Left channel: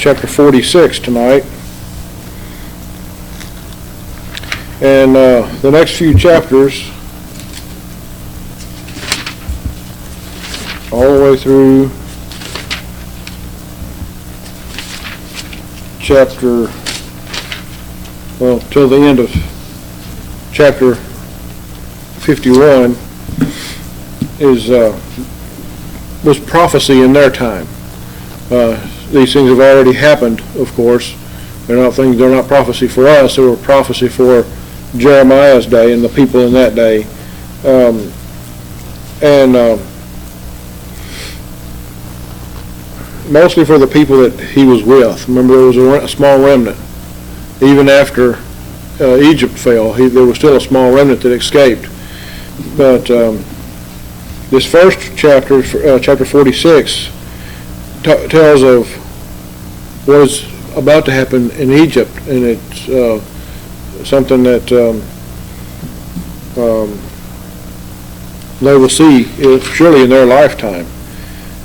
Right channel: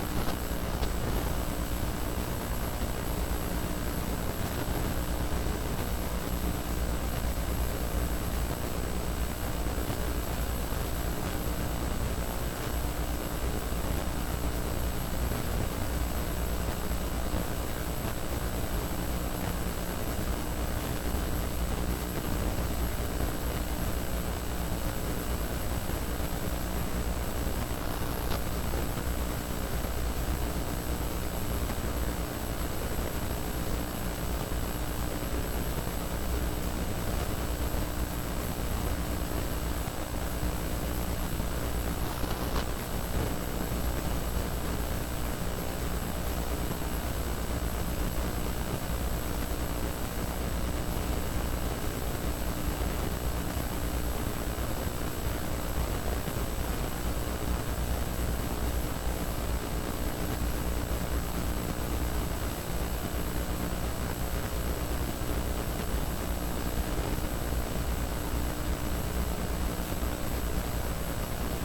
chapter 46 tonight. And the next few chapters, all the way through till the end of chapter 51 was prophecy in their time. These things have already happened, of course. They're not prophecy for us. They were prophecy for Jeremiah's day and the people in that day. Mostly for the people that he was with. Remember, there was a small remnant. Even after Egypt fell, there was still a small remnant that escaped. But this first chapter, chapter 46, tells of what is about to happen in Egypt, and it's something that they will see surely in their lifetime.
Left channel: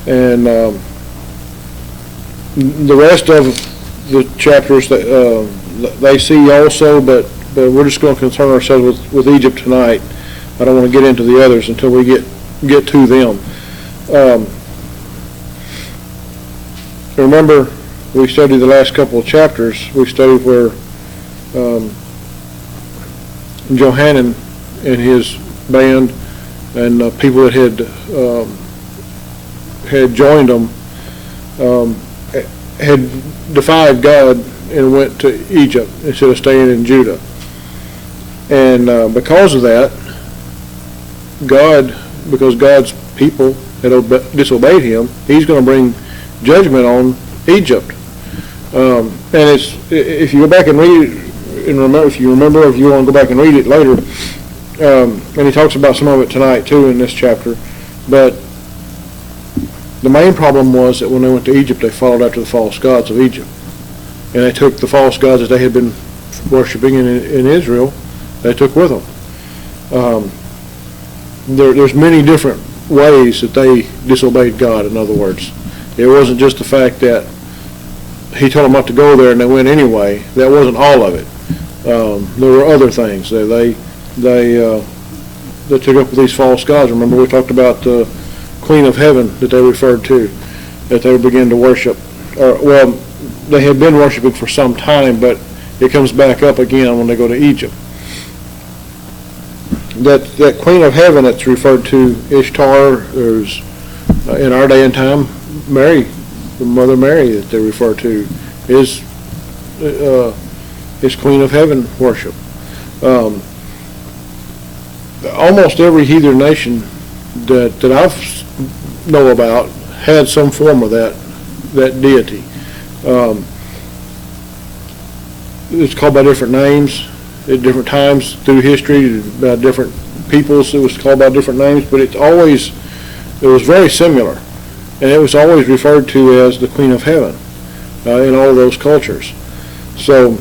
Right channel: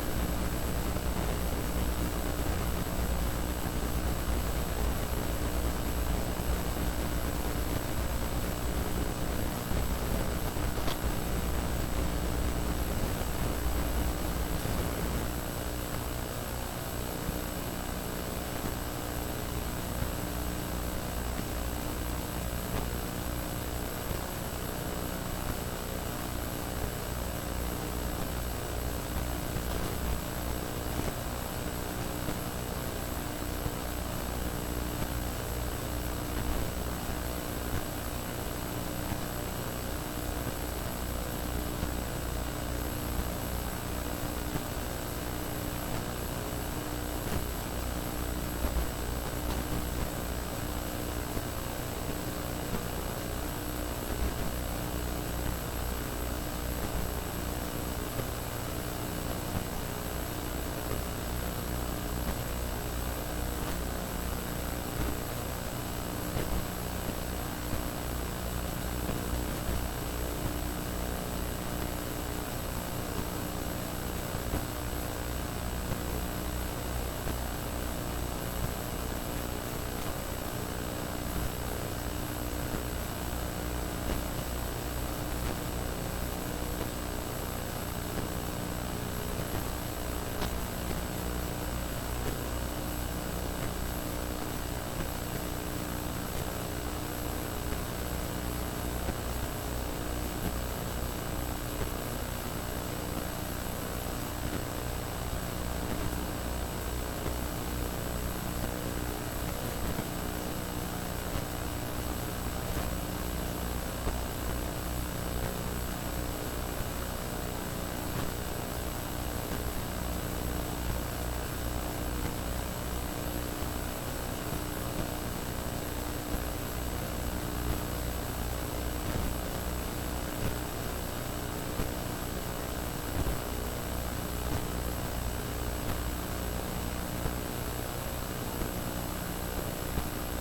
And the rest of the chapters that they see also, but we're just going to concern ourselves with Egypt tonight. I don't want to get into the others until we get to them. Remember, we studied the last couple of chapters. We studied where Johanan and his band and people that had joined them had defied God and went to Egypt instead of staying in Judah. And because of that, because God's people had disobeyed him, he's going to bring judgment on Egypt. And if you go back and read it, and if you want to go back and read it later, and he talks about some of it tonight too in this chapter, but the main problem was that when they went to Egypt, they followed after the false gods of Egypt. And they took the false gods that they had been worshiping in Israel, they took with them. There's many different ways that they disobeyed God, in other words. It wasn't just the fact that he told them not to go there and they went anyway. That wasn't all of it. There were other things. They took up with these false gods. Remember, we talked about the Queen of Heaven that they referred to, that they began to worship. Well, they had been worshiping for some time, but it comes back up again when they go to Egypt. That Queen of Heaven that's referred to, Ishtar, there's in our day and time, Mary, the Mother Mary that they refer to, is Queen of Heaven worship. Almost every heathen nation that I know about had some form of that deity. It's called by different names at different times through history, by different peoples. It was called by different names, but it was very similar, and it was always referred to as the Queen of Heaven in all those cultures. So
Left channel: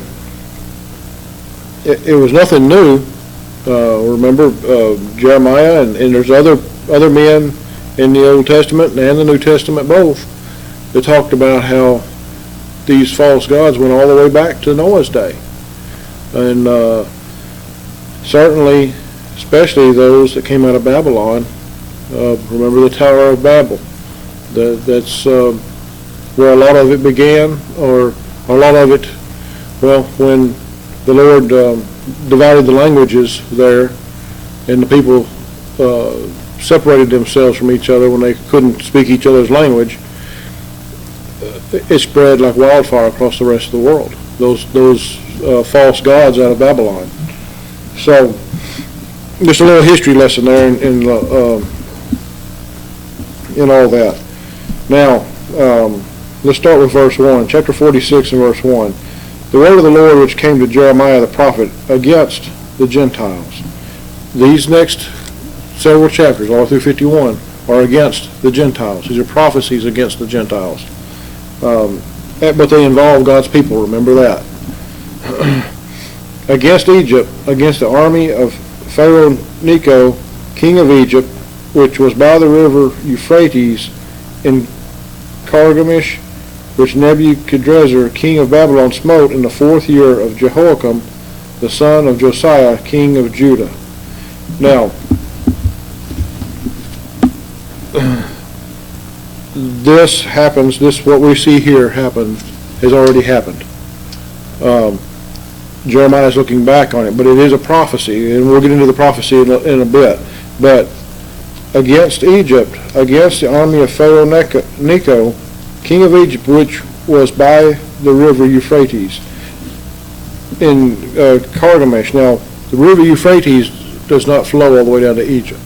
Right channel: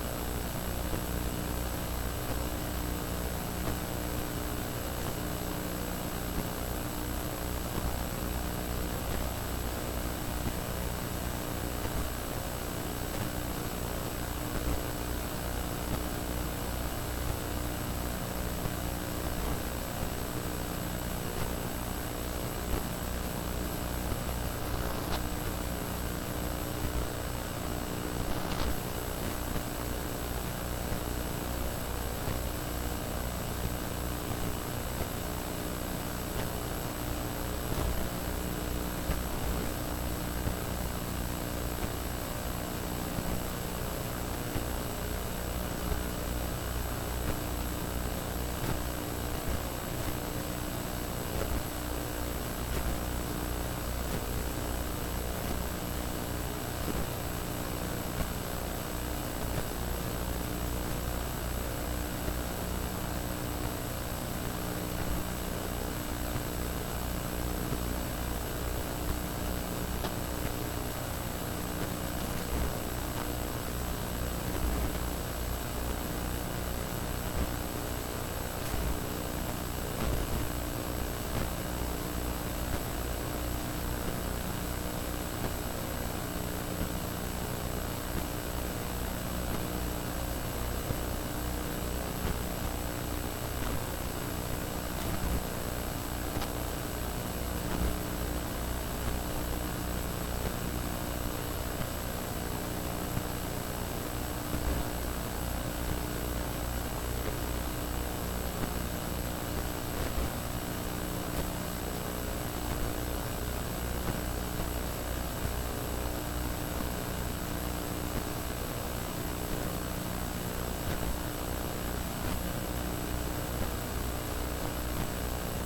it was nothing new. Remember Jeremiah and there's other men in the Old Testament and the New Testament both that talked about how these false gods went all the way back to Noah's day. And certainly, especially those that came out of Babylon, remember the Tower of Babel. That's where a lot of it began, or a lot of it, well, when the Lord divided the languages there, and the people separated themselves from each other when they couldn't speak each other's language, it spread like wildfire across the rest of the world. Those false gods out of Babylon. So, just a little history lesson there in all that. Now, let's start with verse 1, chapter 46 and verse 1. The word of the Lord which came to Jeremiah the prophet against the Gentiles. These next several chapters, all through 51, are against the Gentiles. These are prophecies against the Gentiles. But they involve God's people, remember that. Against Egypt, against the army of Pharaoh Necho, king of Egypt, which was by the river Euphrates in Carchemish, which Nebuchadrezzar, king of Babylon, smote in the 4th year of Jehoiakim, the son of Josiah, king of Judah. Now, this happens, what we see here happen, has already happened. Jeremiah is looking back on it, but it is a prophecy, and we'll get into the prophecy in a bit. But against Egypt, against the army of Pharaoh Necho, king of Egypt, which was by the river Euphrates, in Carchemish. Now, the river Euphrates does not flow all the way down to Egypt.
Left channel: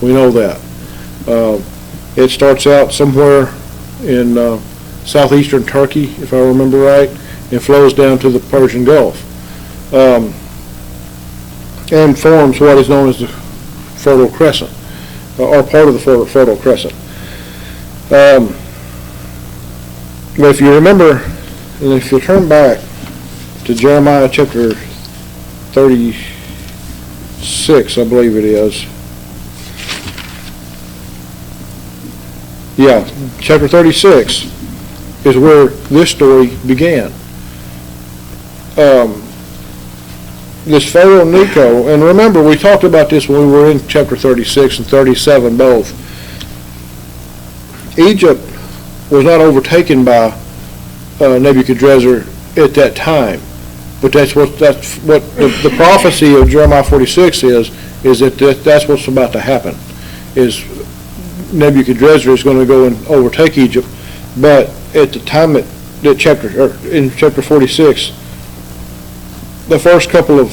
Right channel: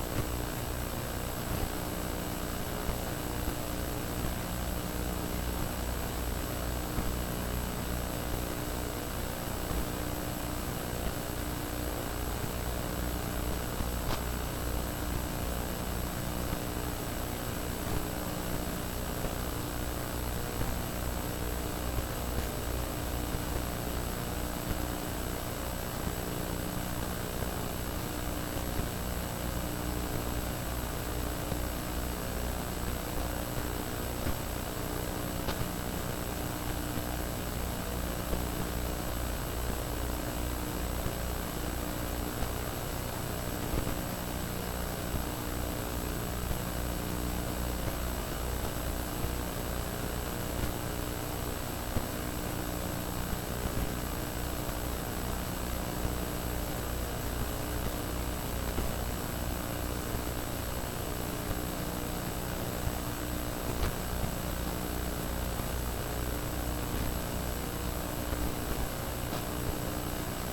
We know that. It starts out somewhere in southeastern Turkey, if I remember right, and flows down to the Persian Gulf, and forms what is known as the Fertile Crescent, or part of the Fertile Crescent. But if you remember, and if you turn back to Jeremiah chapter 36, I believe it is. Yeah, chapter 36 is where this story began. This Pharaoh Necho, and remember we talked about this when we were in chapter 36 and 37 both. Egypt was not overtaken by Nebuchadrezzar at that time, but that's what the prophecy of Jeremiah 46 is that that's what's about to happen. Is Nebuchadrezzar is going to go and overtake Egypt, but at the time in chapter 46, the first couple of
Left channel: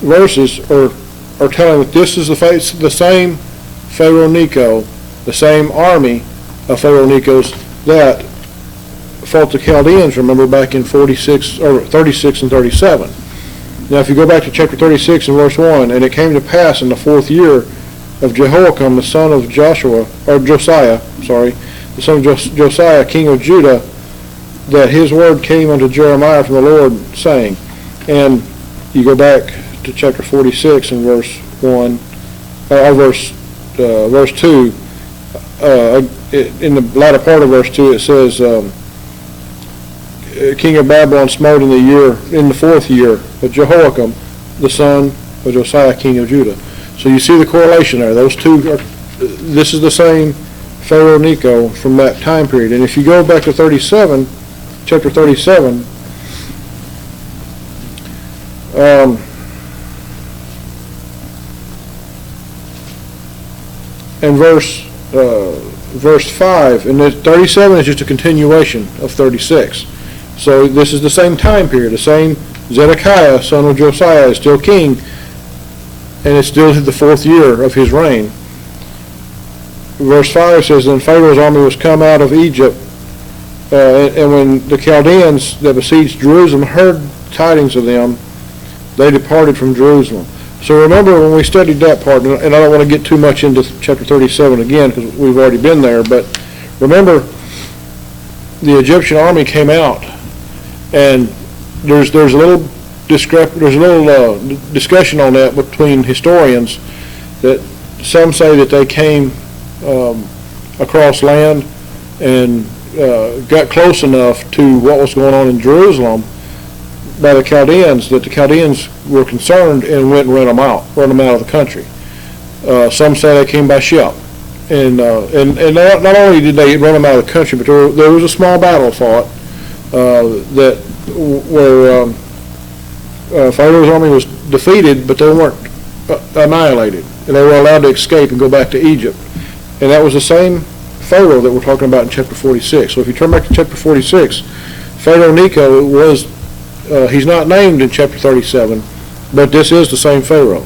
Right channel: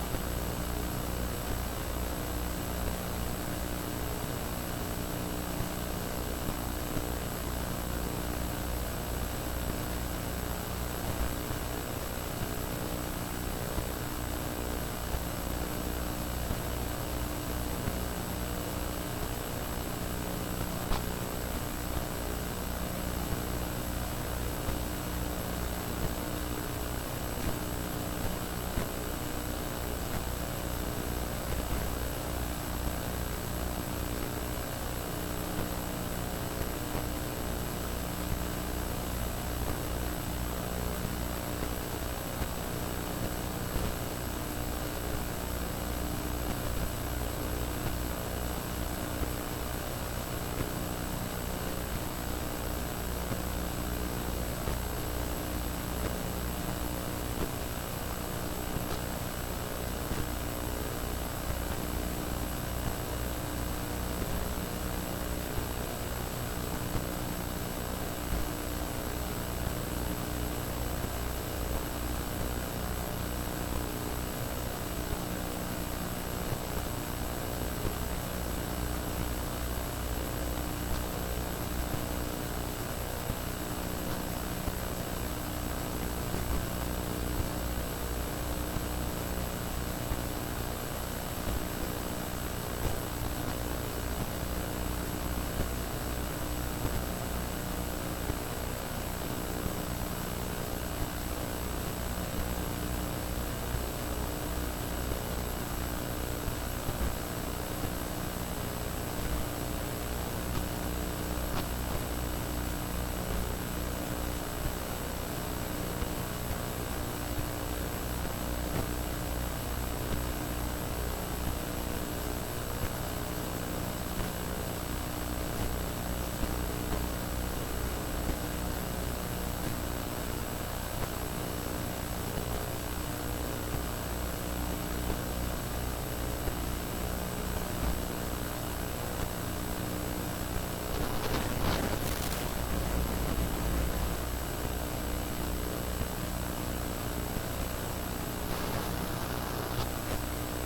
verses are telling that this is the same Pharaoh Necho, the same army of Pharaoh Necho's that fought the Chaldeans, remember, back in 46 or 36 and 37. Now, if you go back to chapter 36 and verse 1, and it came to pass in the 4th year of Jehoiakim, the son of Josiah, the son of Josiah, king of Judah, that his word came unto Jeremiah from the Lord, saying, and you go back to chapter 46 and verse 1, verse 2, in the latter part of verse 2 it says, king of Babylon smote in the 4th year of Jehoiakim, the son of Josiah, king of Judah. So you see the correlation there. Those two this is the same Pharaoh Necho from that time period. And if you go back to chapter 37, and verse 5, and 37 is just a continuation of 36. So this is the same time period. The same Zedekiah, son of Josiah, is still king, and it's still the 4th year of his reign. Verse 5 says, then Pharaoh's army was come out of Egypt, and when the Chaldeans that besieged Jerusalem heard tidings of them, they departed from Jerusalem. So remember when we studied that part, and I don't want to get too much into chapter 37 again because we've already been there, but remember the Egyptian army came out, and there's a little discussion on that between historians, that some say that they came across land and got close enough to what was going on in Jerusalem by the Chaldeans that the Chaldeans were concerned and went and run them out of the country. Some say they came by ship, and not only did they run them out of the country, but there was a small battle fought where Pharaoh's army was defeated, but they weren't annihilated, and they were allowed to escape and go back to Egypt. And that was the same Pharaoh that we're talking about in chapter 46. So if you turn back to chapter 46, Pharaoh Necho was, he's not named in chapter 37, but this is the same Pharaoh.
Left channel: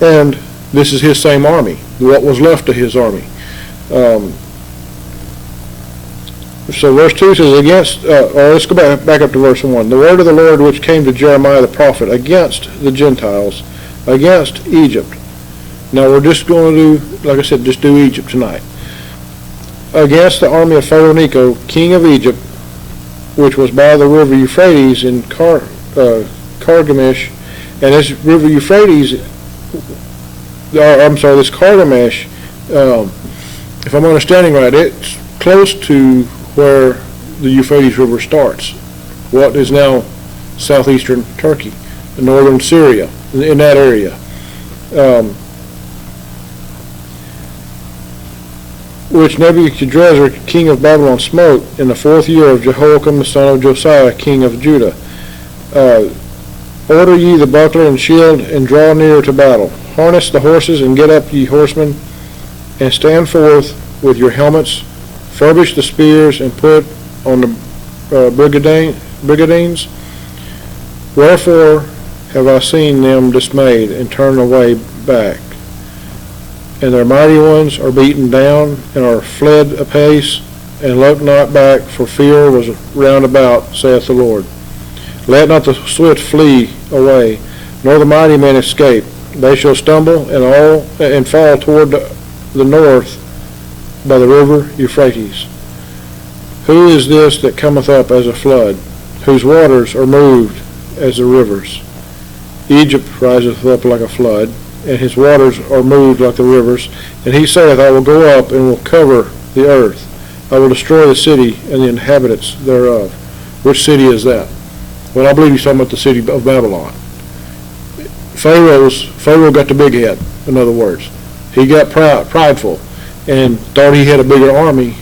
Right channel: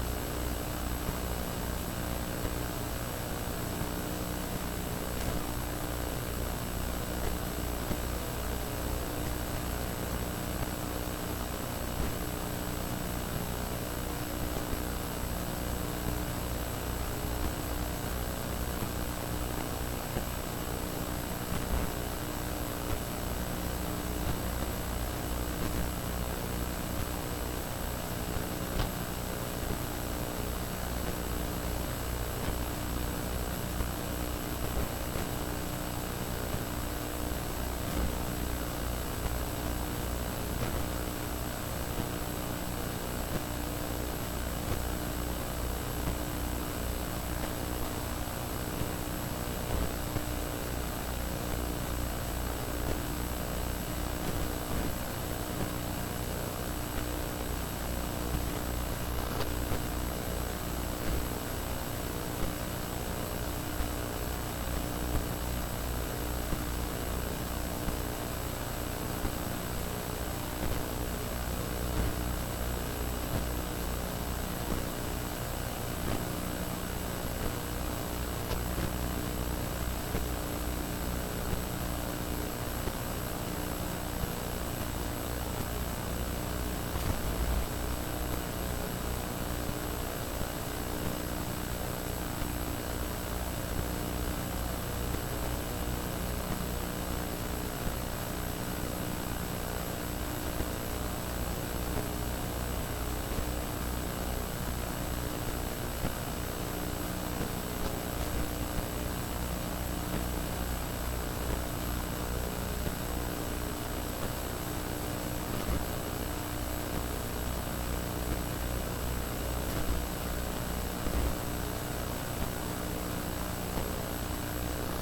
And this is his same army, what was left of his army. So verse 2 says, let's go back up to verse 1. The word of the Lord which came to Jeremiah the prophet against the Gentiles, against Egypt. Now we're just going to do, like I said, just do Egypt tonight. Against the army of Pharaoh Necho, king of Egypt, which was by the river Euphrates in Carchemish. And this river Euphrates, this Carchemish, if I'm understanding right, it's close to where the Euphrates River starts, what is now southeastern Turkey, northern Syria, in that area. Which Nebuchadnezzar, king of Babylon, smote in the 4th year of Jehoiakim the son of Josiah, king of Judah. Order ye the buckler and shield, and draw near to battle. Harness the horses, and get up, ye horsemen, and stand forth with your helmets. Furbish the spears, and put on the brigadines. Wherefore have I seen them dismayed, and turn away back? And their mighty ones are beaten down, and are fled apace, and look not back, for fear was round about, saith the Lord. Let not the swift flee away, nor the mighty men escape. They shall stumble and fall toward the north by the river Euphrates. Who is this that cometh up as a flood, whose waters are moved as the rivers? Egypt riseth up like a flood, and his waters are moved like the rivers. And he saith, I will go up and will cover the earth. I will destroy the city and the inhabitants thereof. Which city is that? Well, I believe he's talking about the city of Babylon. Pharaoh got the big head, in other words. He got prideful and thought he had a bigger army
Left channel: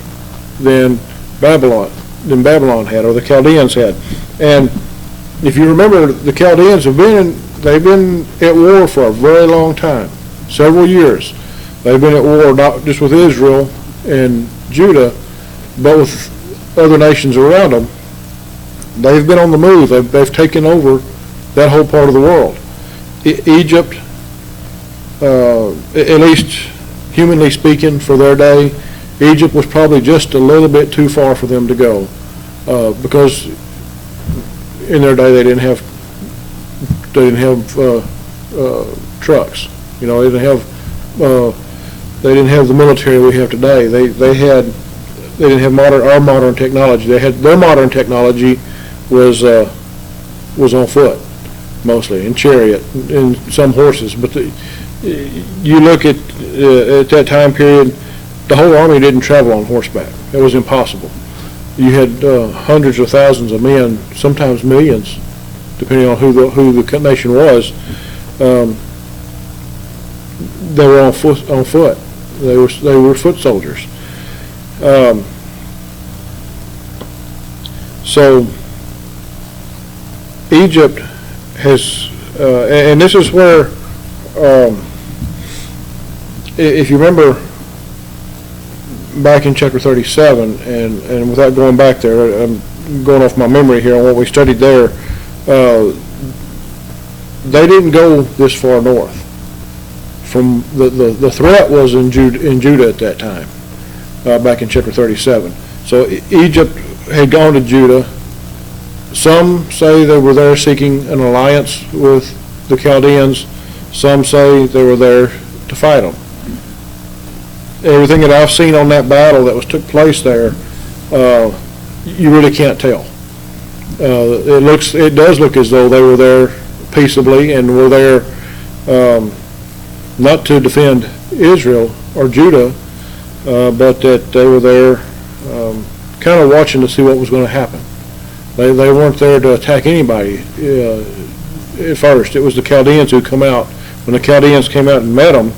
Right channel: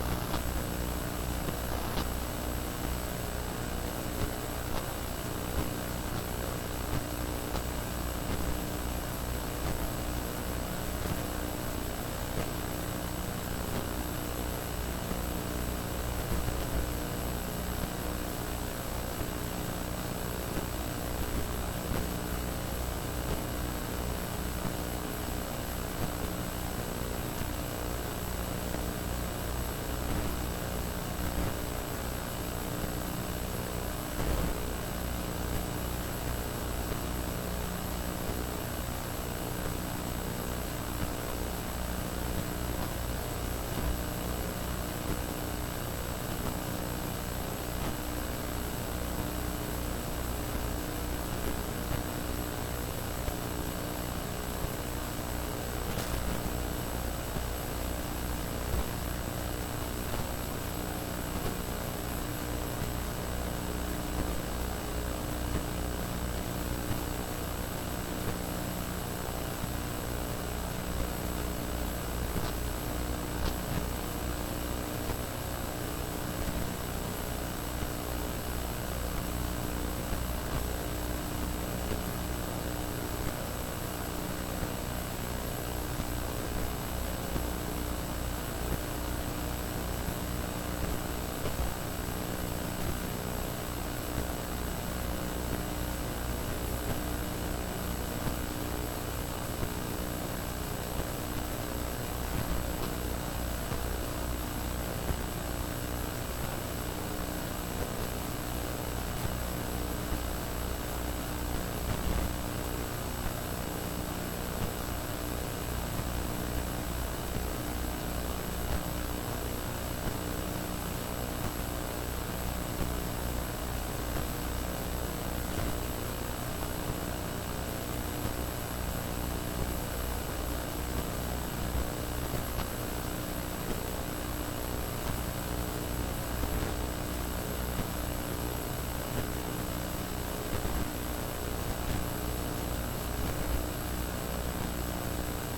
than Babylon had, or the Chaldeans had. And if you remember, the Chaldeans they've been at war for a very long time, several years. They've been at war not just with Israel and Judah, but with other nations around them. They've been on the move. They've taken over that whole part of the world. Egypt, at least humanly speaking, for their day, Egypt was probably just a little bit too far for them to go, because in their day they didn't have trucks. You know, they didn't have the military we have today. They didn't have our modern technology. Their modern technology was on foot mostly, in chariot, and some horses. But you look at that time period, the whole army didn't travel on horseback. It was impossible. You had hundreds of thousands of men, sometimes millions, depending on who the nation was. They were on foot. They were foot soldiers. So Egypt has, and this is where, if you remember back in chapter 37, and without going back there, I'm going off my memory here on what we studied there. They didn't go this far north. From the threat was in Judah at that time, back in chapter 37. So Egypt had gone to Judah. Some say they were there seeking an alliance with the Chaldeans. Some say they were there to fight them. Everything that I've seen on that battle that took place there, you really can't tell. It does look as though they were there peaceably and were there not to defend Israel or Judah, but that they were there kind of watching to see what was going to happen. They weren't there to attack anybody at first. It was the Chaldeans who come out. When the Chaldeans came out and met them,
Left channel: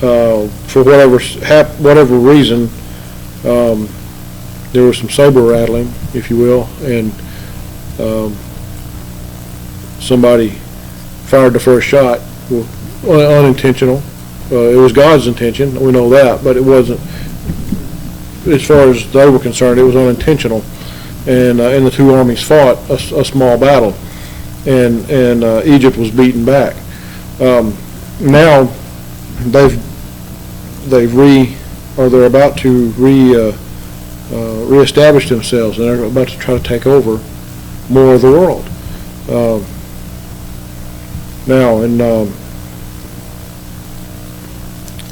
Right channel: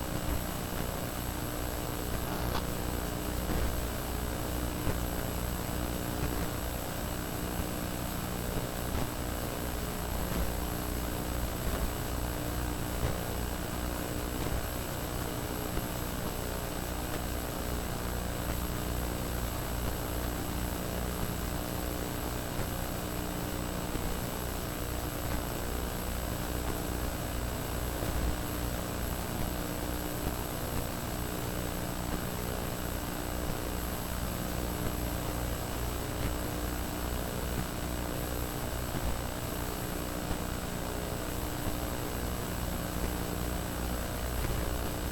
for whatever reason, there was some saber rattling, if you will, and somebody fired the first shot. Unintentional. It was God's intention, we know that, but it wasn't, as far as they were concerned, it was unintentional. And the two armies fought a small battle, and Egypt was beaten back. Now they're about to reestablish themselves, and they're about to try to take over more of the world.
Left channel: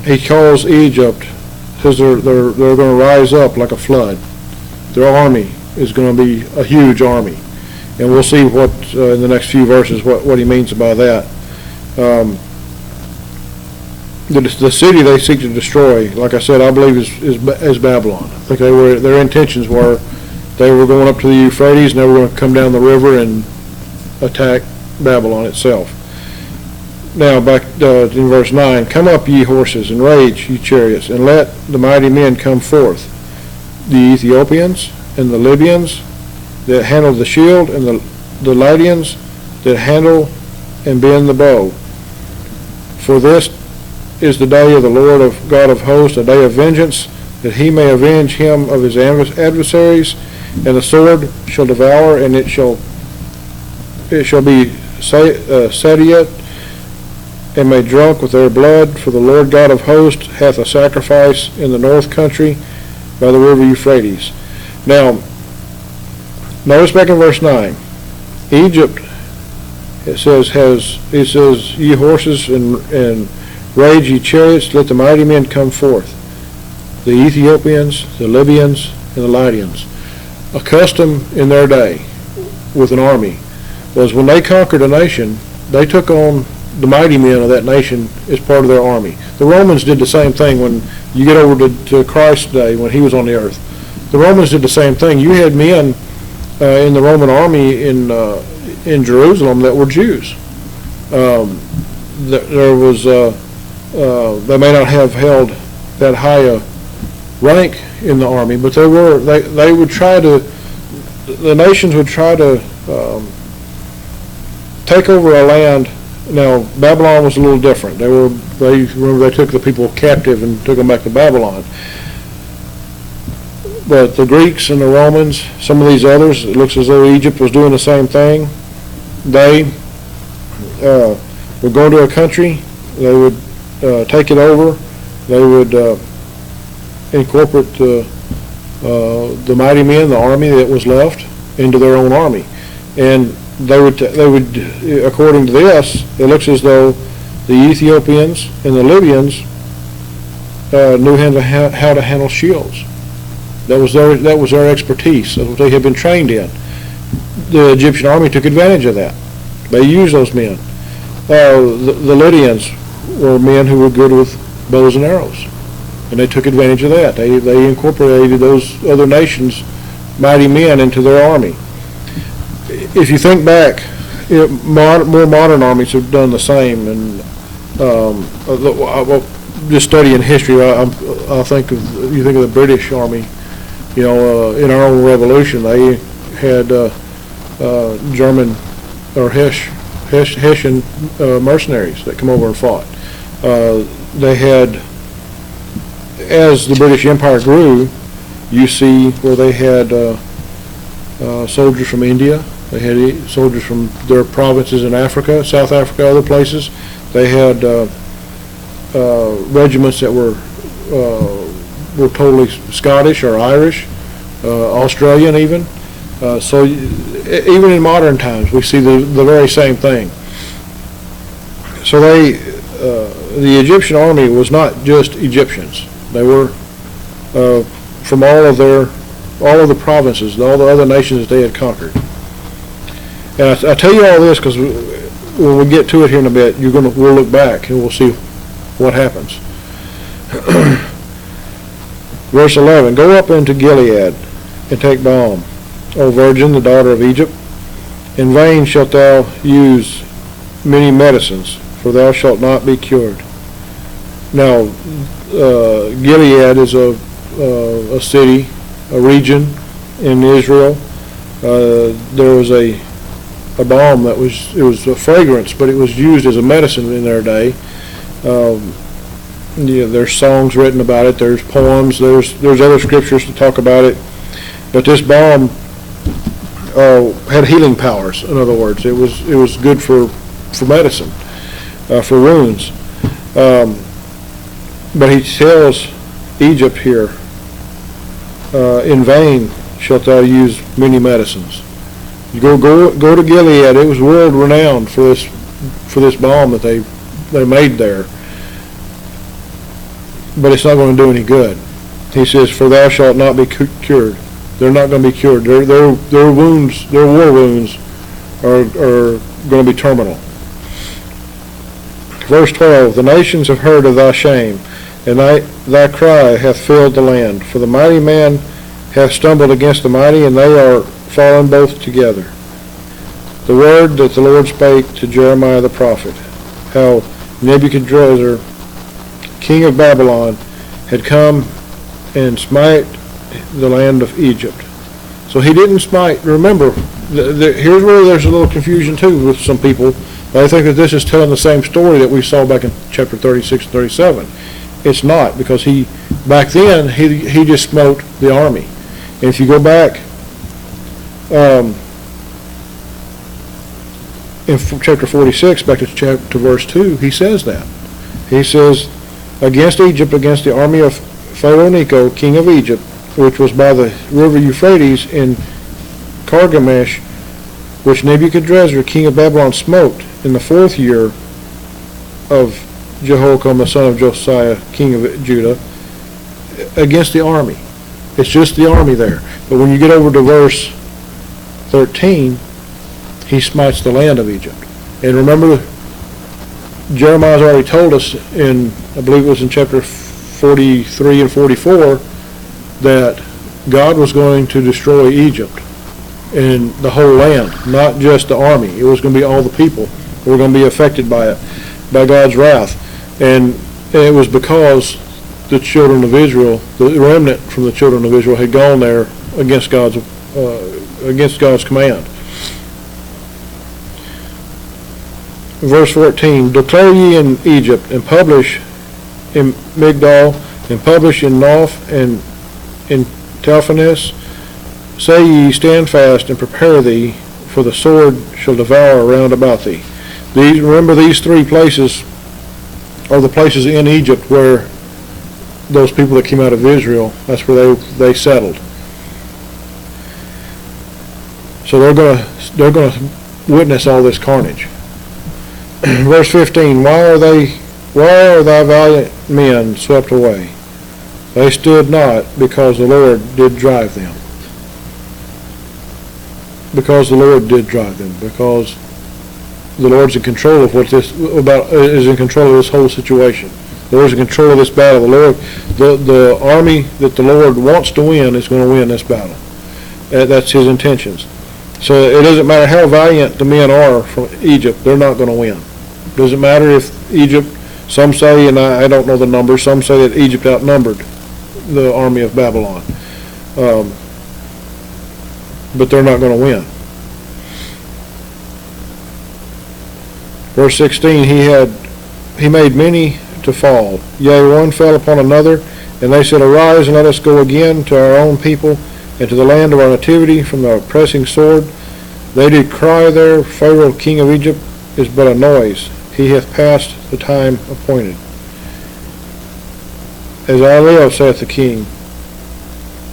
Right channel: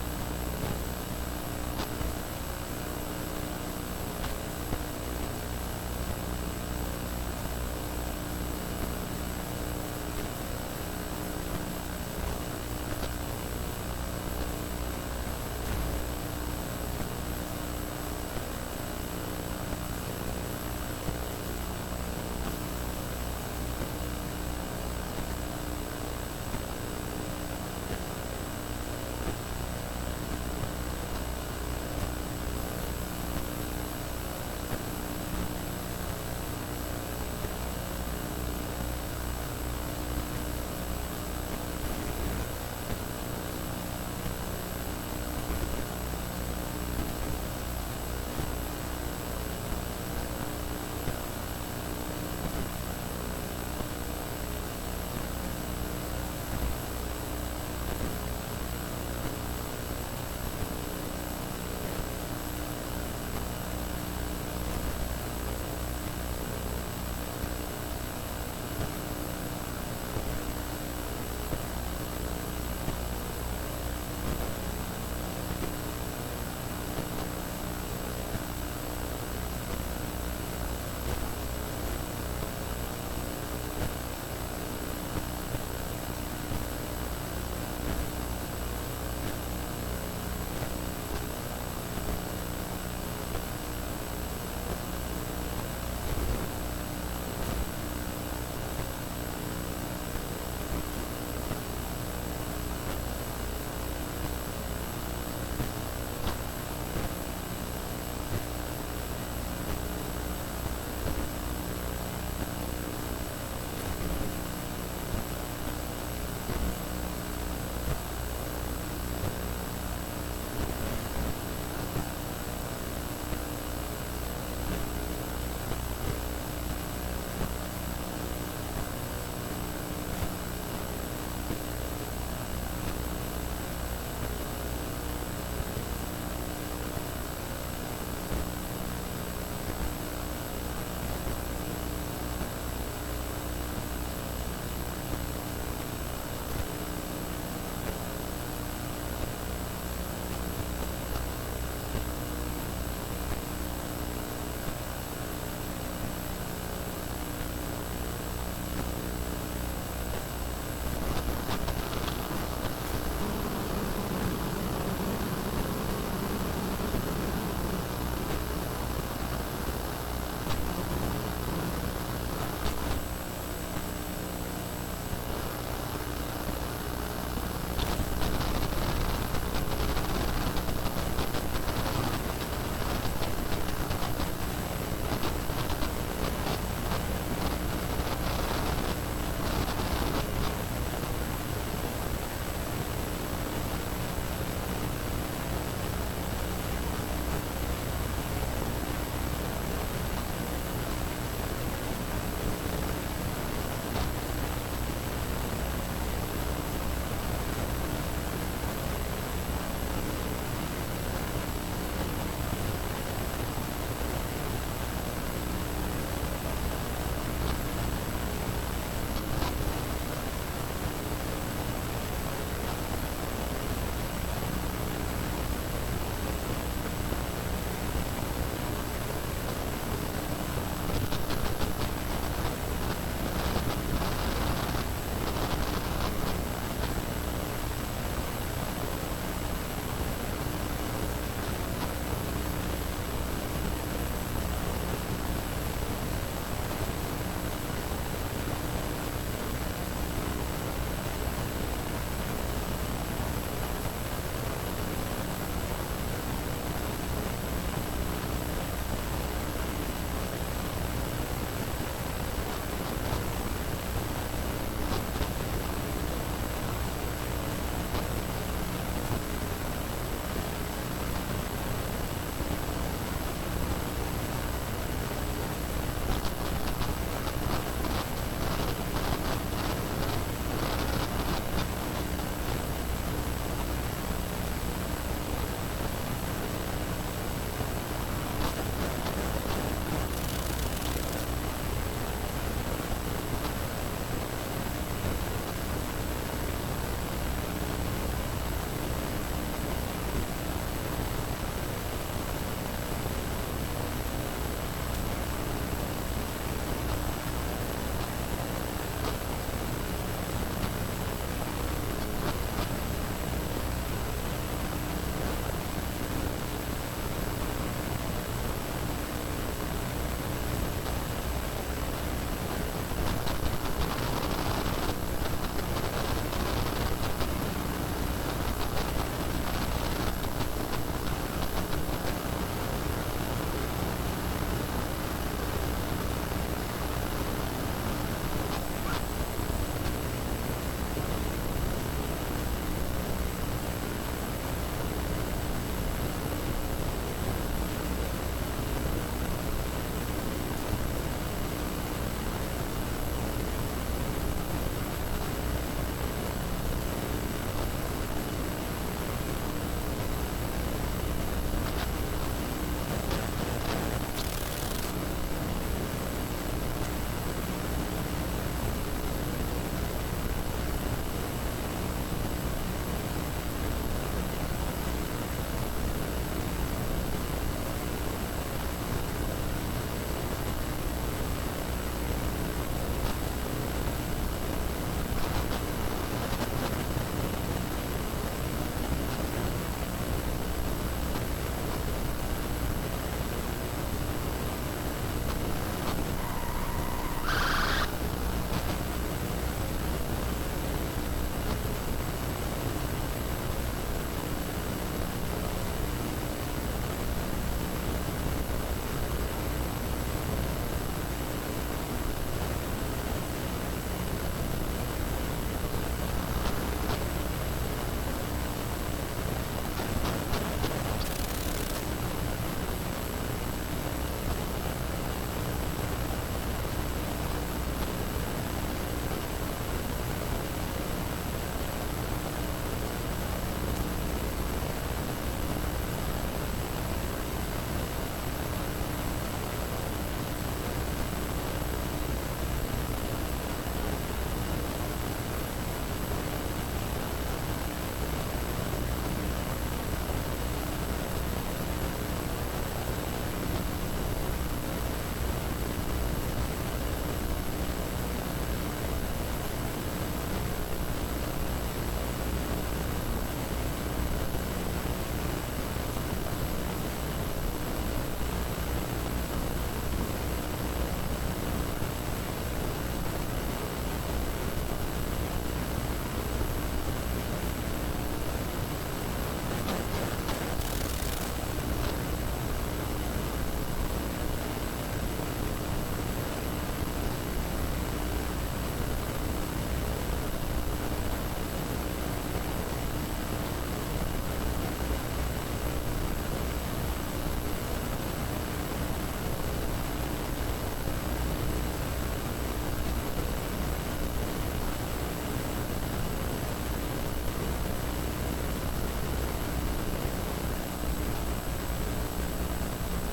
He calls Egypt, says they're going to rise up like a flood. Their army is going to be a huge army, and we'll see what in the next few verses what he means by that. the city they seek to destroy, like I said, I believe is Babylon. I think their intentions were they were going up to the Euphrates and they were going to come down the river and attack Babylon itself. Now back in verse 9, come up ye horses and rage ye chariots, and let the mighty men come forth, the Ethiopians and the Libyans that handle the shield, and the Lydians that handle and bend the bow. For this is the day of the Lord of God of hosts, a day of vengeance, that he may avenge him of his adversaries, and the sword shall devour, and it shall be satiate, and made drunk with their blood, for the Lord God of hosts hath a sacrifice in the north country by the river Euphrates. Now, notice back in verse 9, Egypt, it says, ye horses and rage ye chariots, let the mighty men come forth, the Ethiopians, the Libyans, and the Lydians. A custom in their day with an army was when they conquered a nation, they took on the mighty men of that nation as part of their army. The Romans did the same thing when you get over to Christ's day when he was on the earth. The Romans did the same thing. You had men in the Roman army in Jerusalem that were Jews. There was they may not have held that high a rank in the army, but they would try to, the nations would try to take over a land. Now, Babylon was a little different. They took the people captive and took them back to Babylon. But the Greeks and the Romans, some of these others, it looks as though Egypt was doing the same thing. They would go to a country, they would take it over, they would incorporate the mighty men, the army that was left, into their own army. And they would, according to this, it looks as though the Ethiopians and the Libyans knew how to handle shields. That was their expertise. That's what they had been trained in. The Egyptian army took advantage of that. They used those men. The Lydians were men who were good with bows and arrows, and they took advantage of that. They incorporated those other nations' mighty men into their army. If you think back, more modern armies have done the same, and just studying history, I think you think of the British Army. In our own Revolution, they had German or Hessian mercenaries that come over and fought. They had, as the British Empire grew, you see where they had soldiers from India. They had soldiers from their provinces in Africa, South Africa, other places. They had regiments that were totally Scottish or Irish, Australian even. So even in modern times, we see the very same thing. So the Egyptian army was not just Egyptians. They were from all of the provinces, all the other nations that they had conquered. And I tell you all this because when we get to it here in a bit, we'll look back and we'll see what happens. Verse 11, go up into Gilead and take balm, O virgin, the daughter of Egypt. In vain shalt thou use many medicines, for thou shalt not be cured. Now, Gilead is a city, a region in Israel. There was a balm that was a fragrance, but it was used as a medicine in their day. There's songs written about it. There's poems. There's other scriptures to talk about it. But this balm had healing powers. In other words, it was good for medicine, for wounds. But he tells Egypt here, in vain shalt thou use many medicines. You go to Gilead. It was world renowned for this balm that they made there. But it's not going to do any good. He says, for thou shalt not be cured. They're not going to be cured. Their wounds, their war wounds, are going to be terminal. Verse 12, the nations have heard of thy shame, and thy cry hath filled the land. For the mighty man hath stumbled against the mighty, and they are fallen both together. The word that the Lord spake to Jeremiah the prophet, how Nebuchadrezzar, king of Babylon, had come and smite the land of Egypt. So he didn't smite. Remember, here's where there's a little confusion too with some people. I think that this is telling the same story that we saw back in chapter 36 and 37. It's not, because back then he just smote the army. And if you go back in chapter 46, back to verse 2, he says that. He says, against Egypt, against the army of Pharaoh Necho, king of Egypt, which was by the river Euphrates in Carchemish, which Nebuchadrezzar, king of Babylon, smote in the 4th year of Jehoiakim, the son of Josiah, king of Judah, against the army. It's just the army there. But when you get over to verse 13, he smites the land of Egypt. And remember, Jeremiah's already told us in, I believe it was in chapter 43 and 44, that God was going to destroy Egypt and the whole land, not just the army. It was going to be all the people who were going to be affected by it, by God's wrath. And it was because the children of Israel, the remnant from the children of Israel, had gone there against God's command. Verse 14, declare ye in Egypt, and publish in Migdol, and publish in Noph, and in Telphanes, say ye, stand fast, and prepare thee, for the sword shall devour round about thee. Remember, these 3 places are the places in Egypt where those people that came out of Israel, that's where they settled. So they're going to witness all this carnage. Verse 15, why are thy valiant men swept away? They stood not, because the Lord did drive them. Because the Lord did drive them. Because the Lord's in control of is in control of this whole situation. The Lord's in control of this battle. The army that the Lord wants to win is going to win this battle. That's his intentions. So it doesn't matter how valiant the men are from Egypt, they're not going to win. It doesn't matter if Egypt, some say, and I don't know the numbers, some say that Egypt outnumbered the army of Babylon. But they're not going to win. Verse 16, he made many to fall. Yea, one fell upon another, and they said, arise, and let us go again to our own people, and to the land of our nativity from the oppressing sword. They did cry there, Pharaoh king of Egypt is but a noise. He hath passed the time appointed. As I live, saith the king,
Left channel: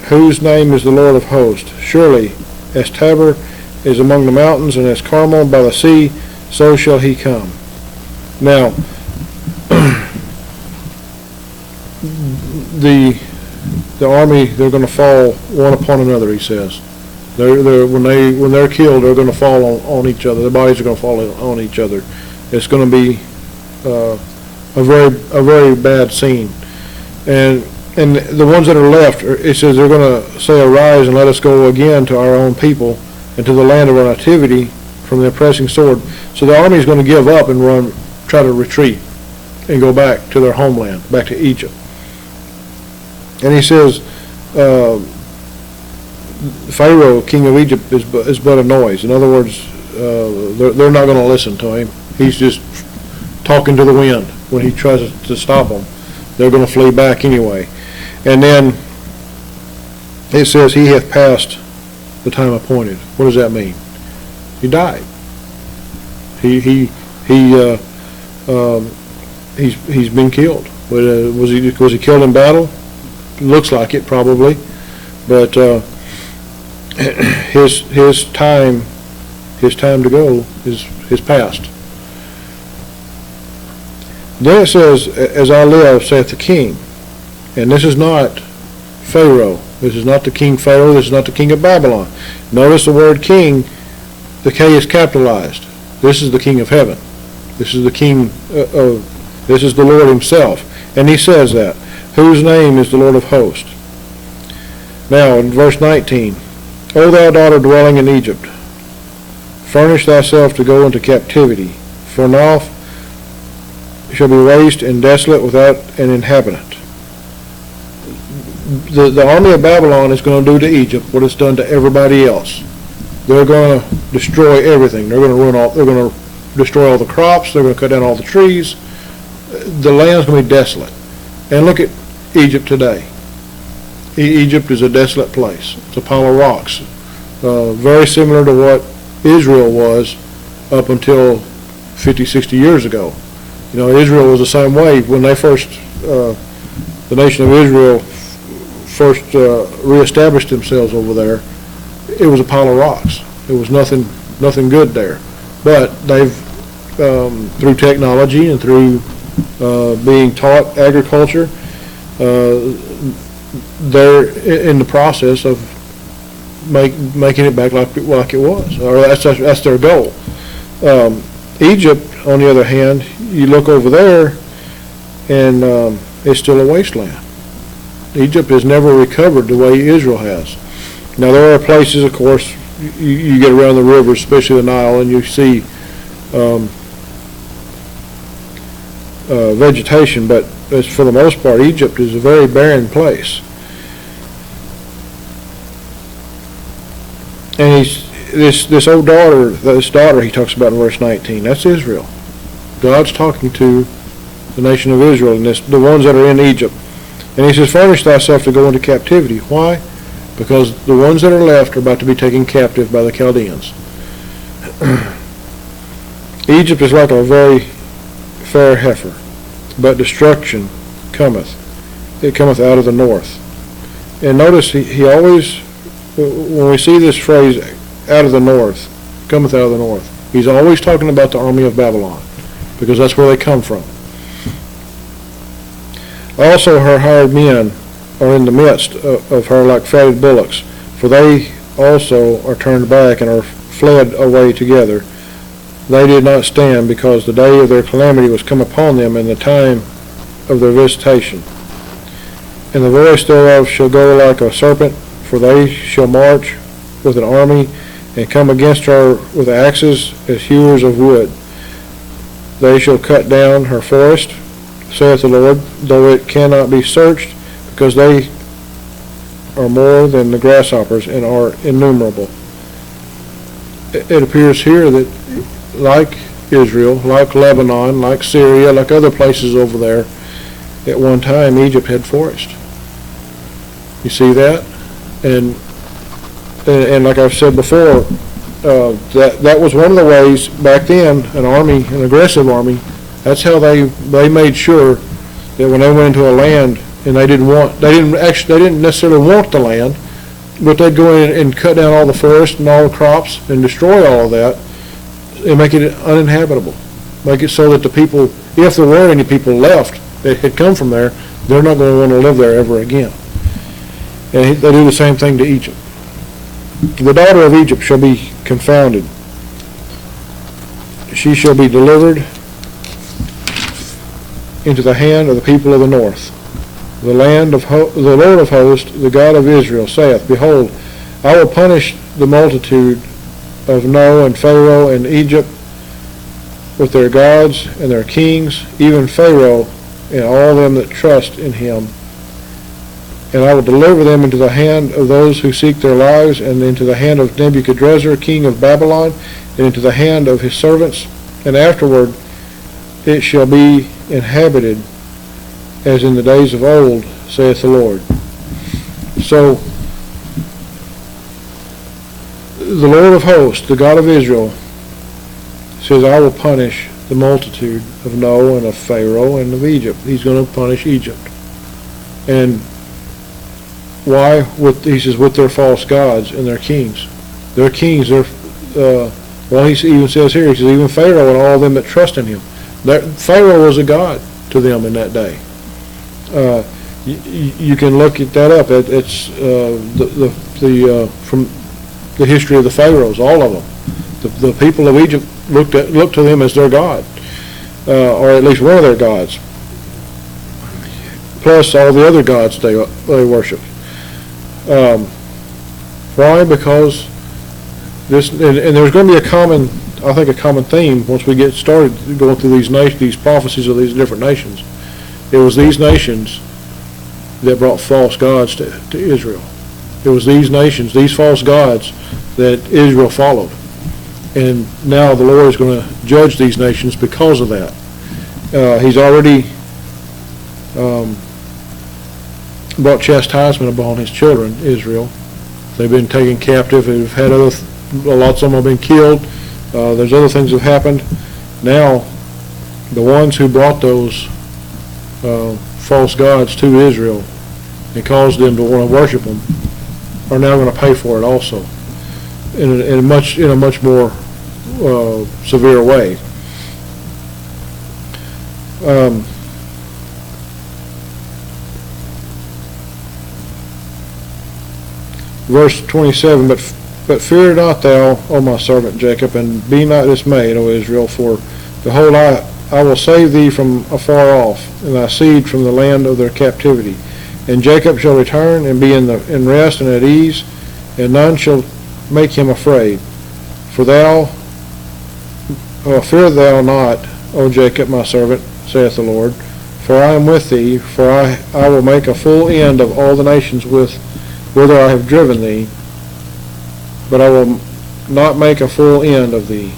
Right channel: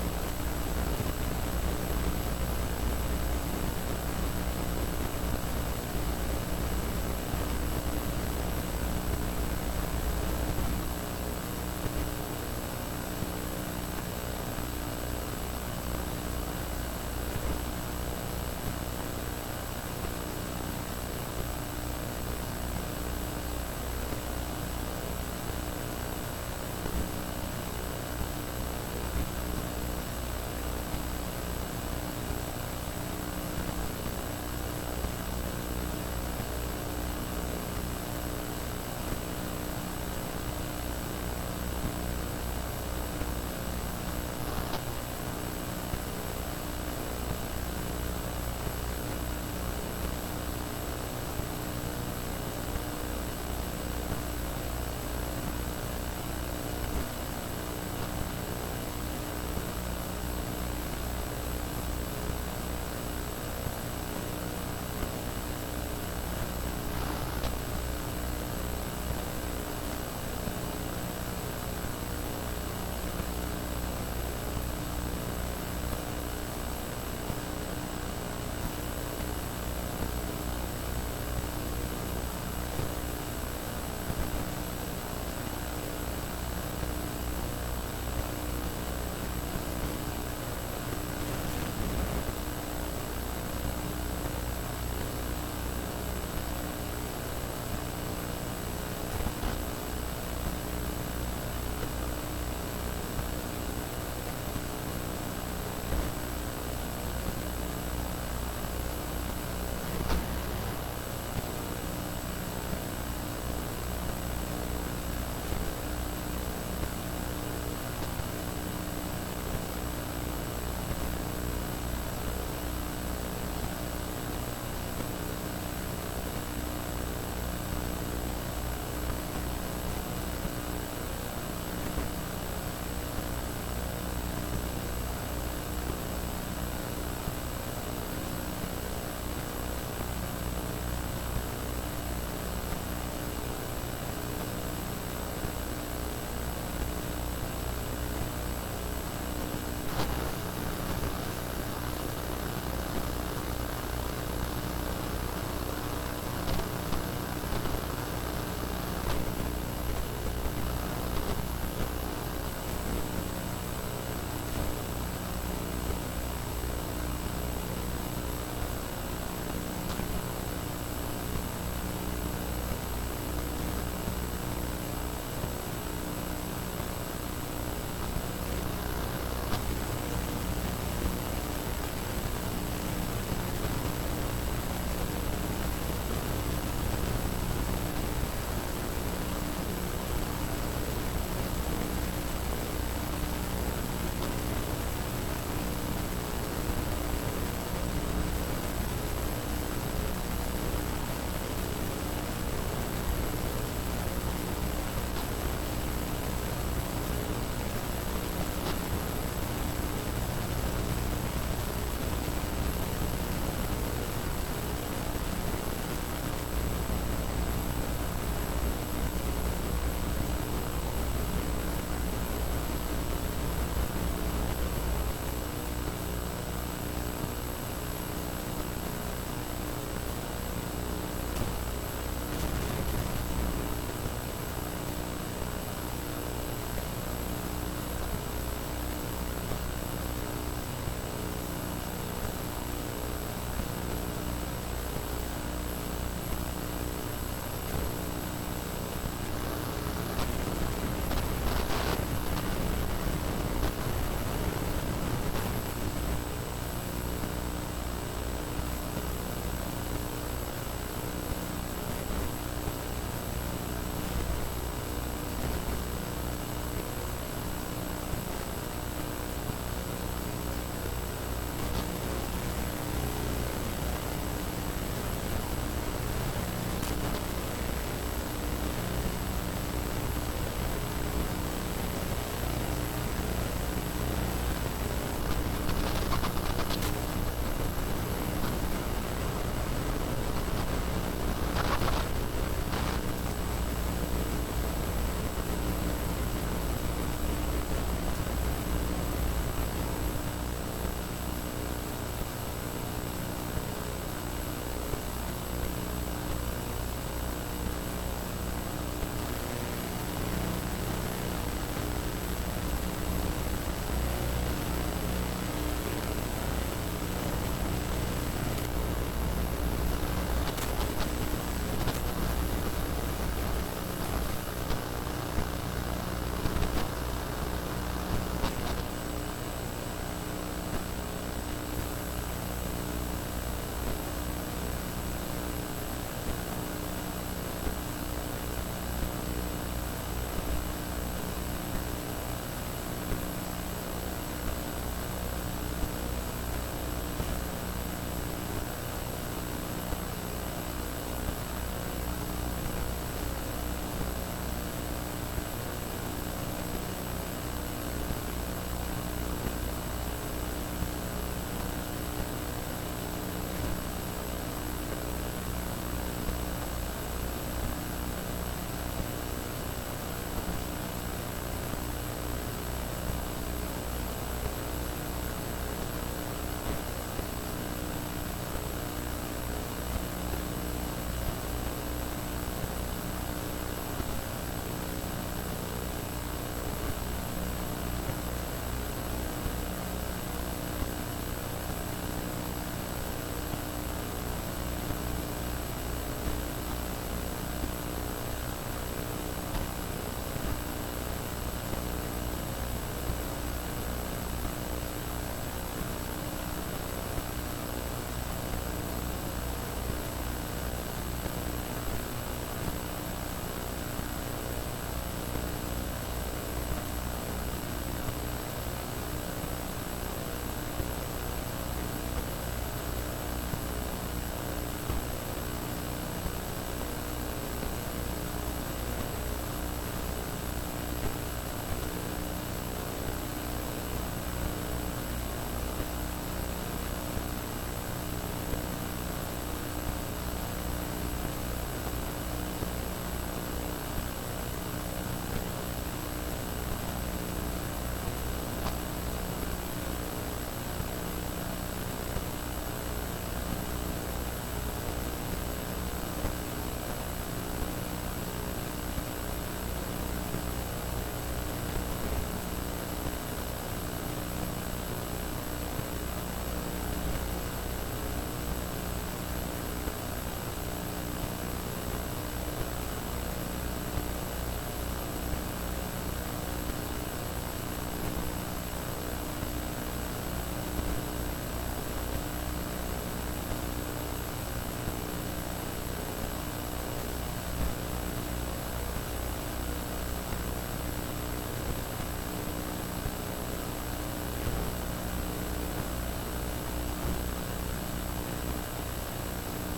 whose name is the Lord of hosts, surely as Tabor is among the mountains, and as Carmel by the sea, so shall he come. Now, the army, they're going to fall one upon another, he says. When they're killed, they're going to fall on each other. Their bodies are going to fall on each other. It's going to be a very bad scene. And the ones that are left, it says they're going to say, arise and let us go again to our own people and to the land of our nativity from the oppressing sword. So the army is going to give up and try to retreat and go back to their homeland, back to Egypt. And he says, Pharaoh, king of Egypt, is but a noise. In other words, they're not going to listen to him. He's just talking to the wind. When he tries to stop them, they're going to flee back anyway. And then it says, he hath passed the time appointed. What does that mean? He died. He's been killed. But was he killed in battle? Looks like it, probably. But his time to go is past. Then it says, as I live, saith the king. And this is not Pharaoh. This is not the king Pharaoh. This is not the king of Babylon. Notice the word king, the K is capitalized. This is the king of heaven. This is the King this is the Lord himself. And he says that, whose name is the Lord of hosts. Now, in verse 19, O thou daughter dwelling in Egypt, furnish thyself to go into captivity, for now shall be waste and desolate without an inhabitant. The army of Babylon is going to do to Egypt what it's done to everybody else. They're going to destroy everything. They're going to destroy all the crops. They're going to cut down all the trees. The land's going to be desolate. And look at Egypt today. Egypt is a desolate place. It's a pile of rocks. Very similar to what Israel was up until 50, 60 years ago. You know, Israel was the same way. When they first, the nation of Israel first reestablished themselves over there, it was a pile of rocks. There was nothing good there. But they've, through technology and through being taught agriculture, they're in the process of making it back like it was, or that's their goal. Egypt, on the other hand, you look over there, and it's still a wasteland. Egypt has never recovered the way Israel has. Now there are places, of course, you get around the rivers, especially the Nile, and you see vegetation, but for the most part, Egypt is a very barren place. And this old daughter, this daughter he talks about in verse 19, that's Israel. God's talking to the nation of Israel, and the ones that are in Egypt. And he says, furnish thyself to go into captivity. Why? Because the ones that are left are about to be taken captive by the Chaldeans. Egypt is like a very fair heifer, but destruction cometh. It cometh out of the north. And notice he always, when we see this phrase, out of the north, cometh out of the north, he's always talking about the army of Babylon, because that's where they come from. Also her hired men are in the midst of her like fatted bullocks, for they also are turned back and are fled away together. They did not stand, because the day of their calamity was come upon them, and the time of their visitation. And the voice thereof shall go like a serpent, for they shall march with an army, and come against her with axes as hewers of wood. They shall cut down her forest, saith the Lord, though it cannot be searched, because they are more than the grasshoppers and are innumerable. It appears here that, like Israel, like Lebanon, like Syria, like other places over there, at one time Egypt had forest. You see that? And like I've said before, that was one of the ways back then, an aggressive army, that's how they made sure that when they went into a land and they didn't necessarily want the land, but they'd go in and cut down all the forest and all the crops and destroy all of that and make it uninhabitable. Make it so that the people, if there were any people left that had come from there, they're not going to want to live there ever again. And they do the same thing to Egypt. The daughter of Egypt shall be confounded. She shall be delivered into the hand of the people of the north. The Lord of hosts, the God of Israel, saith, Behold, I will punish the multitude of No and Pharaoh and Egypt with their gods and their kings, even Pharaoh and all them that trust in him. And I will deliver them into the hand of those who seek their lives, and into the hand of Nebuchadrezzar, king of Babylon, and into the hand of his servants. And afterward it shall be inhabited as in the days of old, saith the Lord. So, the Lord of hosts, the God of Israel, says, I will punish the multitude of No and of Pharaoh and of Egypt. He's going to punish Egypt. And why? He says, with their false gods and their kings. Their kings, well, he even says here, he says, even Pharaoh and all them that trust in him. Pharaoh was a god to them in that day. You can look at that up. It's from the history of the pharaohs, all of them. The people of Egypt looked to them as their god. or at least one of their gods, plus all the other gods they worship. Why? Because this, and there's going to be a common theme once we get started going through these prophecies of these different nations. It was these nations that brought false gods to Israel. It was these nations, these false gods, that Israel followed. And now the Lord is going to judge these nations because of that. He's already brought chastisement upon his children, Israel. They've been taken captive. They've had lots of them have been killed. There's other things that have happened. Now, the ones who brought those false gods to Israel and caused them to want to worship them are now going to pay for it also, in a much more severe way. Verse 27, but fear not thou, O my servant Jacob, and be not dismayed, O Israel, for behold, I will save thee from afar off, and thy seed from the land of their captivity. And Jacob shall return and be in rest and at ease, and none shall make him afraid. For fear thou not, O Jacob, my servant, saith the Lord, for I am with thee, for I will make a full end of all the nations whither I have driven thee, but I will not make a full end of thee,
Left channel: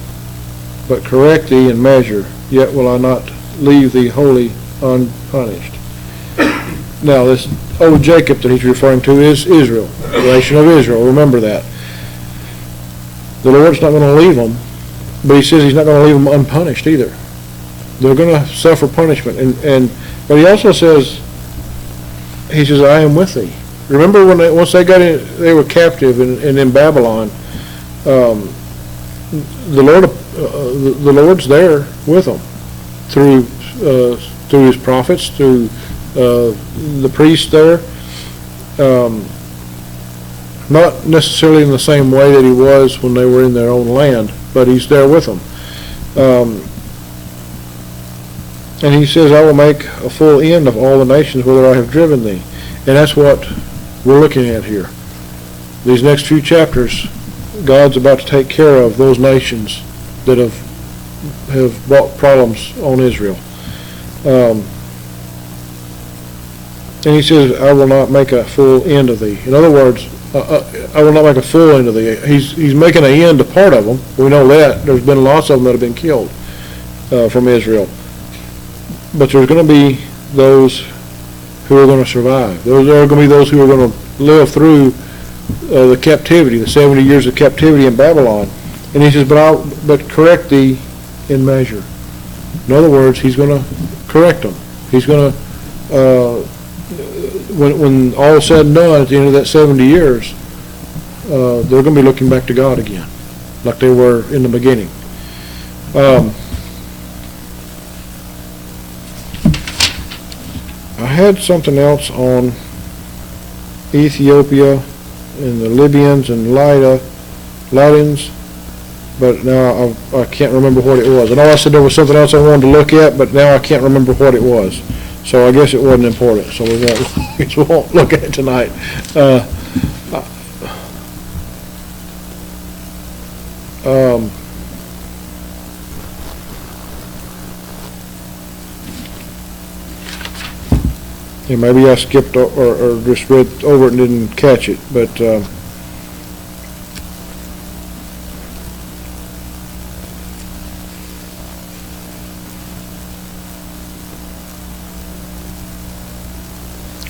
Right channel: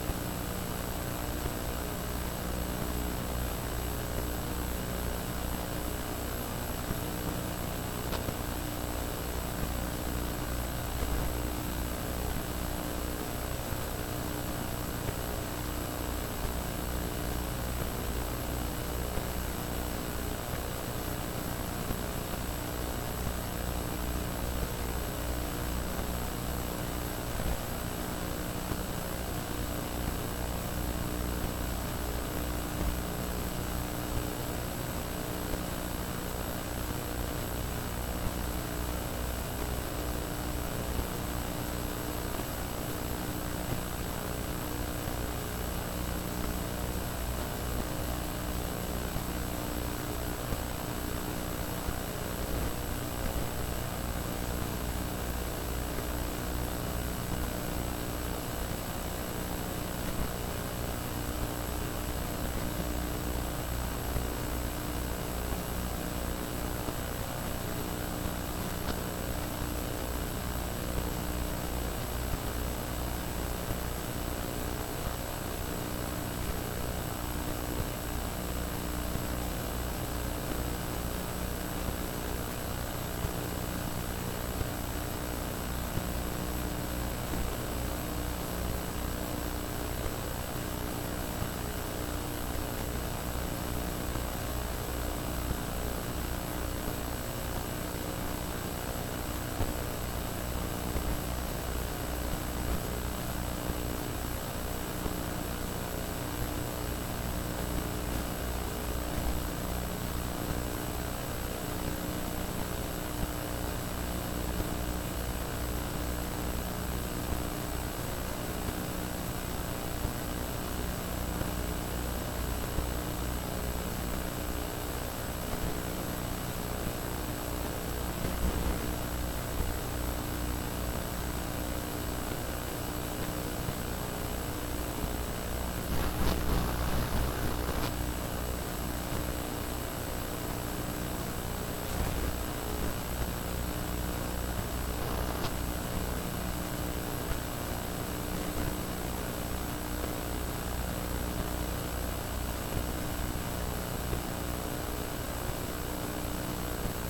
but correct thee in measure, yet will I not leave thee wholly unpunished. Now this old Jacob that he's referring to is Israel, the nation of Israel. Remember that. The Lord's not going to leave them, but he says he's not going to leave them unpunished either. They're going to suffer punishment. But he also says, he says, I am with thee. Remember once they got in, they were captive and in Babylon. The Lord's there with them through his prophets, through the priests there. Not necessarily in the same way that he was when they were in their own land, but he's there with them. And he says, I will make a full end of all the nations whither I have driven thee. And that's what we're looking at here. These next few chapters, God's about to take care of those nations that have brought problems on Israel. And he says, I will not make a full end of thee. In other words, I will not make a full end of thee. He's making an end to part of them. We know that. There's been lots of them that have been killed from Israel. But there's going to be those who are going to survive. There are going to be those who are going to live through the captivity, the 70 years of captivity in Babylon. And he says, but correct thee in measure. In other words, he's going to correct them. He's going to, when all is said and done at the end of that 70 years, they're going to be looking back to God again, like they were in the beginning. I had something else on Ethiopia and the Libyans and Lydians, but now I can't remember what it was. I know I said there was something else I wanted to look at, but now I can't remember what it was. So I guess it wasn't important, so we won't look at it tonight. And maybe I skipped or just read over it and didn't catch it, but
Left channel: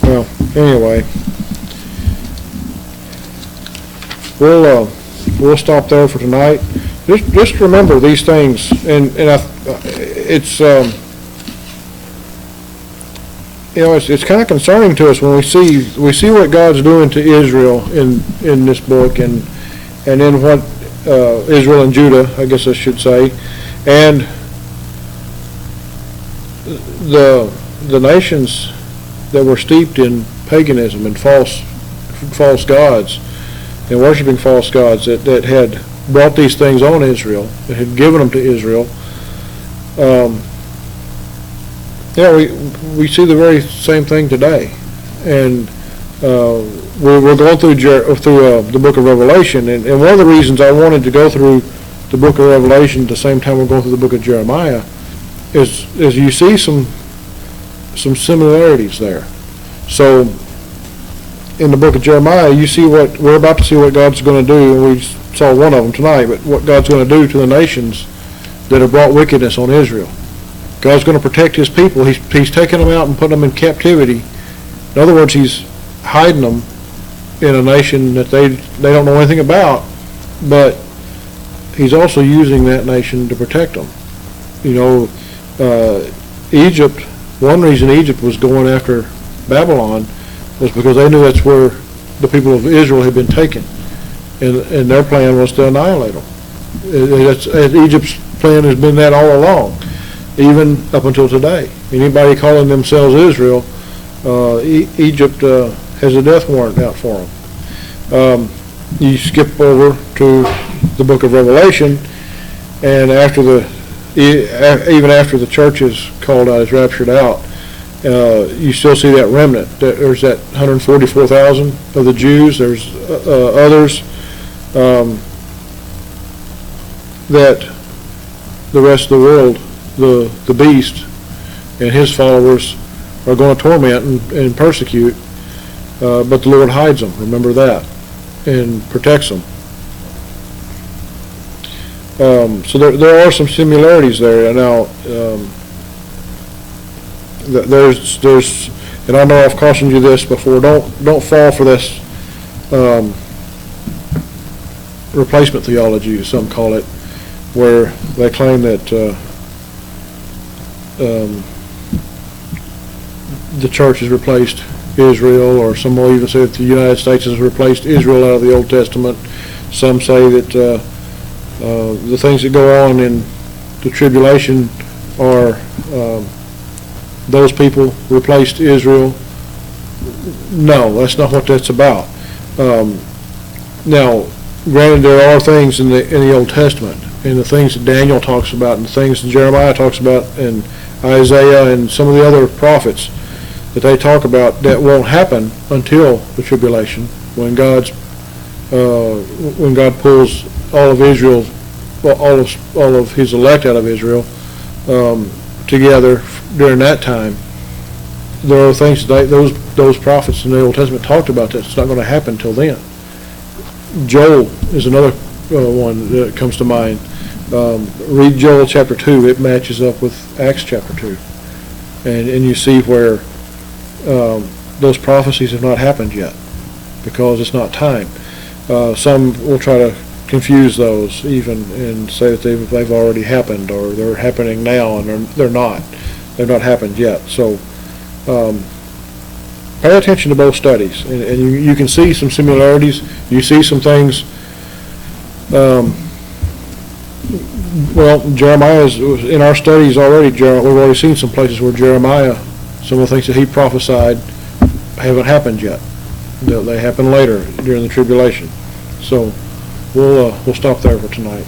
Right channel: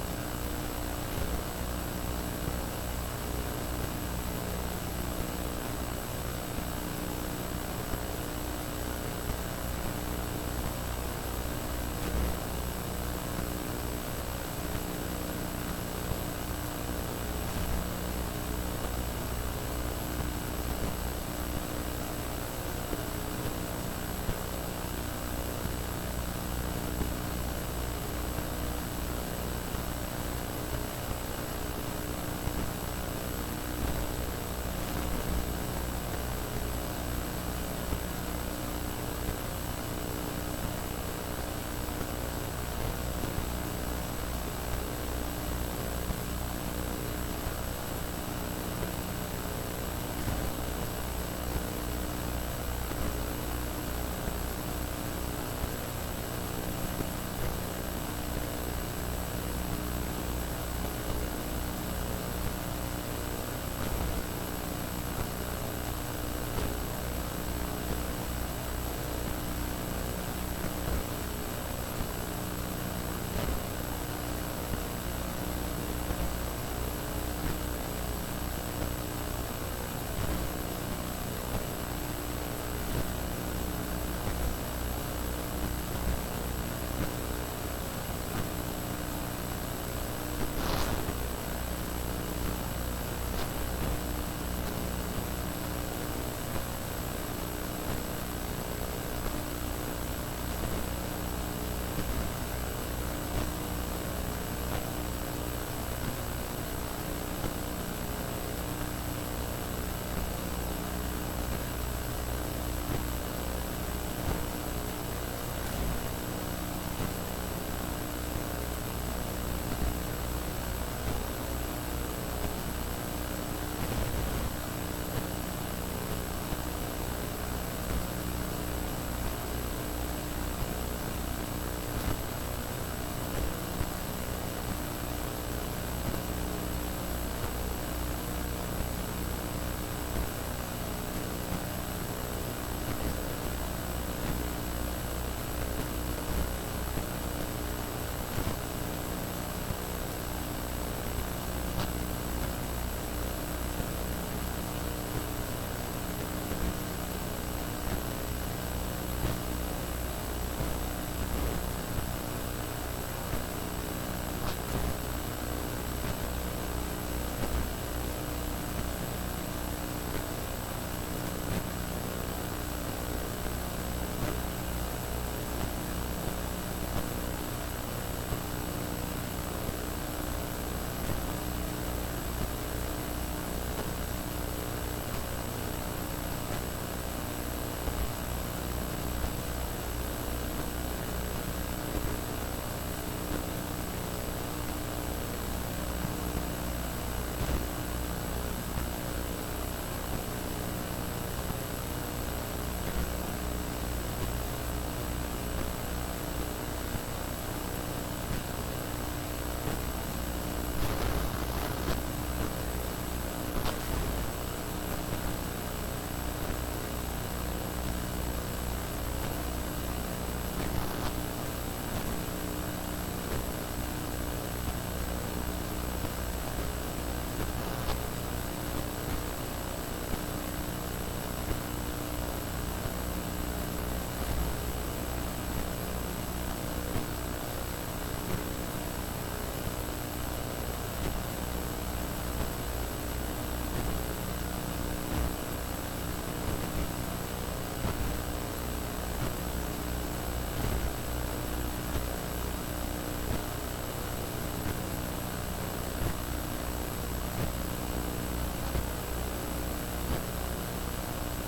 well, anyway, we'll stop there for tonight. Just remember these things, and it's. You know, it's kind of concerning to us when we see what God's doing to Israel in this book, and in what Israel and Judah, I guess I should say, and the nations that were steeped in paganism and false gods and worshiping false gods that had brought these things on Israel, that had given them to Israel. Yeah, we see the very same thing today, and we're going through the book of Revelation, and one of the reasons I wanted to go through the book of Revelation at the same time we're going through the book of Jeremiah is you see some similarities there. So in the book of Jeremiah, you see what we're about to see what God's going to do, and we saw one of them tonight, but what God's going to do to the nations that have brought wickedness on Israel. God's going to protect his people. He's taking them out and putting them in captivity. In other words, he's hiding them in a nation that they don't know anything about, but he's also using that nation to protect them. You know, Egypt, one reason Egypt was going after Babylon was because they knew that's where the people of Israel had been taken, and their plan was to annihilate them. Egypt's plan has been that all along, even up until today. Anybody calling themselves Israel, Egypt has a death warrant out for them. You skip over to the book of Revelation, and even after the church is called out, is raptured out, you still see that remnant. There's that 144,000 of the Jews. There's others that the rest of the world, the beast and his followers, are going to torment and persecute, but the Lord hides them. Remember that, and protects them. So there are some similarities there. Now, there's, and I know I've cautioned you this before. Don't fall for this replacement theology, as some call it, where they claim that the church has replaced Israel, or some will even say that the United States has replaced Israel out of the Old Testament. Some say that the things that go on in the tribulation are those people replaced Israel. No, that's not what that's about. Now, granted, there are things in the Old Testament, and the things that Daniel talks about, and the things that Jeremiah talks about, and Isaiah, and some of the other prophets that they talk about, that won't happen until the tribulation, when God pulls all of Israel, well, all of his elect out of Israel together during that time. There are things that those prophets in the Old Testament talked about that's not going to happen until then. Joel is another one that comes to mind. Read Joel chapter 2. It matches up with Acts chapter 2. And you see where those prophecies have not happened yet because it's not time. Some will try to confuse those even and say that they've already happened, or they're happening now, and they're not. They've not happened yet. So pay attention to both studies, and you can see some similarities. You see some things. Well, Jeremiah is in our studies already. We've already seen some places where Jeremiah, some of the things that he prophesied, haven't happened yet. They happen later during the tribulation. So we'll stop there for tonight.